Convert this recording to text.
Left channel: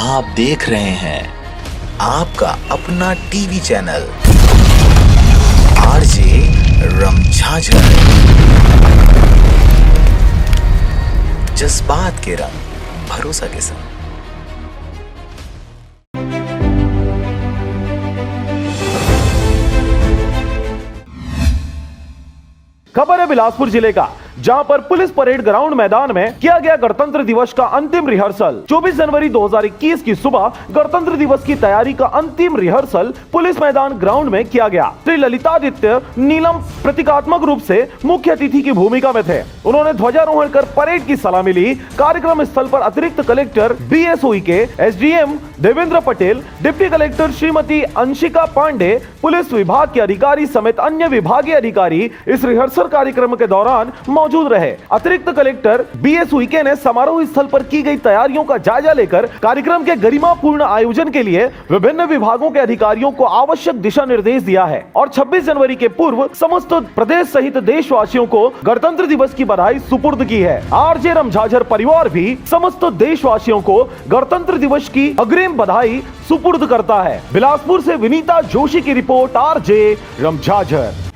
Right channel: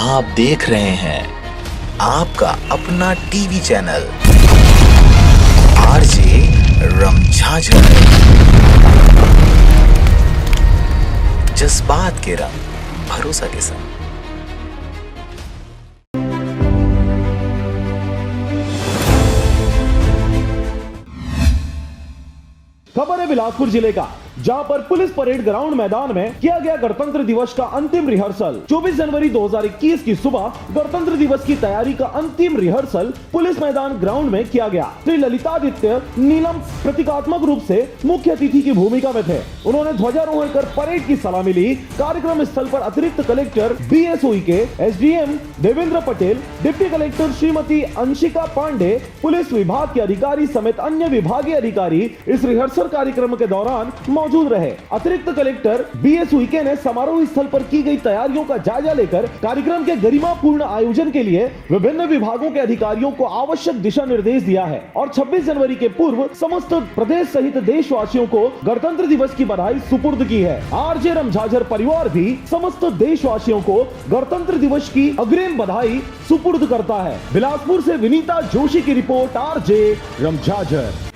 आप देख रहे हैं आपका अपना टीवी चैनल आरजे रमझाझर। जज्बात के रंग, भरोसा के संग। खबर है बिलासपुर जिले का, जहां पर पुलिस परेड ग्राउंड मैदान में किया गया गणतंत्र दिवस का अंतिम रिहर्सल। 24 जनवरी 2021 की सुबह गणतंत्र दिवस की तैयारी का अंतिम रिहर्सल पुलिस मैदान ग्राउंड में किया गया। श्री ललितादित्य नीलम प्रतीकात्मक रूप से मुख्य अतिथि की भूमिका में थे। उन्होंने ध्वजारोहण कर परेड की सलामी ली। कार्यक्रम स्थल पर अतिरिक्त collector BS Uikey, SDM Devendra Patel, deputy collector Shrimati Anshika Pandey, police विभाग के अधिकारी समेत अन्य विभागीय अधिकारी इस रिहर्सल कार्यक्रम के दौरान मौजूद रहे। अतिरिक्त कलेक्टर BS उइके ने समारोह स्थल पर की गई तैयारियों का जायजा लेकर कार्यक्रम के गरिमापूर्ण आयोजन के लिए विभिन्न विभागों के अधिकारियों को आवश्यक दिशा निर्देश दिया है और 26 जनवरी के पूर्व समस्त प्रदेश सहित देशवासियों को गणतंत्र दिवस की बधाई सुपुर्द की है। आरजे रमझाझर परिवार भी समस्त देशवासियों को गणतंत्र दिवस की अग्रिम बधाई सुपुर्द करता है। बिलासपुर से विनीता जोशी की रिपोर्ट, आरजे रमझाझर।